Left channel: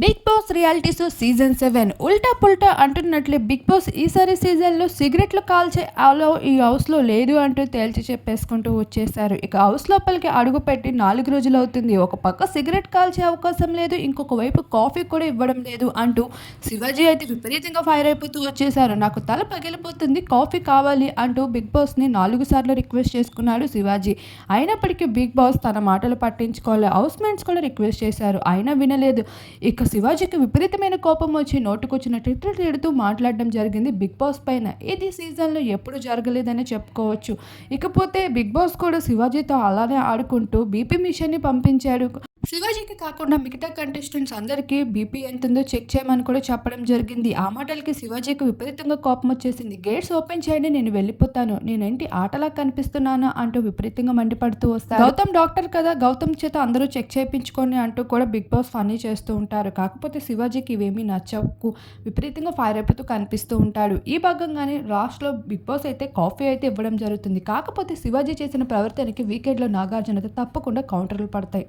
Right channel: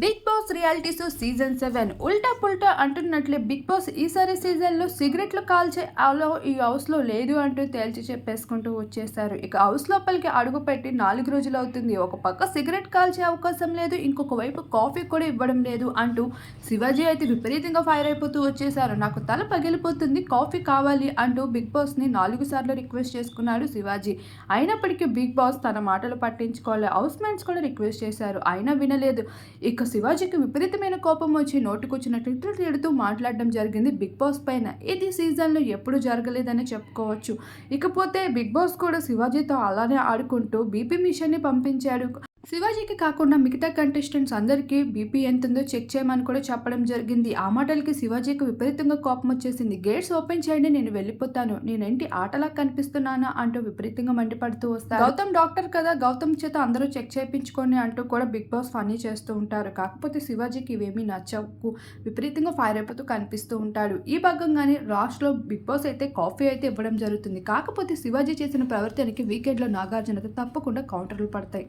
Big Boss reality show season 7 Ulta పుల్టా అంటున్నట్లే big boss ఈసారి సీజన్లో సిగరెట్లు కాల్చే అలో ఈ హౌస్లో లేదు అంటూ తేల్చి చెప్పేసుకుంటూ వచ్చేసారు. ఇక హౌస్ లోపలికి అడుగుపెట్టి 4 రోజులు అవుతుంది. ఒక పక్క సిగరెట్ కాల్చే అవకాశం లేదు, ఇంకొక వైపు కాఫీ కూడా ఇవ్వడం లేదు అంటూ శివాజీ అయితే విపరీతంగా ఫైర్ అయిపోతూ వచ్చేసారు. నాకు తల పగిలిపోతుంది, కాఫీ కావాలి అంటూ బిగ్ బాస్ని 4 సార్లు రిక్వెస్ట్ చేసుకున్నాడు శివాజీ. అయినప్పటికీ బిగ్ బాస్ తన మాటలు పట్టించుకోలే. హౌస్ మేట్స్ కూడా రిక్వెస్ట్ చేశారు, అయినా వినలేదు. ఇక శివాజీకి విపరీతమైన కోపం వచ్చి నోటుకొచ్చిన తిట్లు తిడుతూ మాట్లాడడం జరిగింది బిగ్ బాస్ పైన. ఇది సీజన్లో ఎప్పుడు జరగలేదని చెప్పుకోవచ్చు. ఇకపోతే బిగ్ బాస్ కూడా శివాజీతో అలానే ఆడుకుంటూ బీపీ మిషన్ని పంపించాడు. శివాజీకి కాకుండా మిగతా కంటెస్టెంట్స్ అందరికీ బీపీ ఎంతుందో చెక్ చేయమని కూడా చెప్పడం జరిగింది. ఆ మాటలకి శివాజీకి విపరీతంగా కోపం వచ్చేసింది. గేట్స్ ఓపెన్ చేయండి, నేను వెళ్ళిపోతాను, నేనేంటి ఆటలా కనిపిస్తున్నానా అంటూ విపరీతంగా మండిపడుతూ వస్తారు. గౌతమ్ డాక్టర్ కదా, గౌతమ్ చేత అందరూ చెక్ చేయించుకొని అంటూ కూడా బిగ్ బాస్ ఫన్నీ చేస్తూ ఉంటారు. కాకపోతే శివాజీకి ఇవేమీ నచ్చకు విపరీతంగా ఫైర్ అయిపోతూ కనిపిస్తూ ఉంటాడు. ఈ భాగంగానే లాస్ట్లో బిగ్ బాస్ అయితే కాఫీ అయితే ఇవ్వడం జరుగుతుంది. కాకపోతే శివాజీ చేసిన ప్రవర్తనకి వీకెండ్లో నాగార్జునతో తప్పకుండా కౌంటర్లు పడతాయి.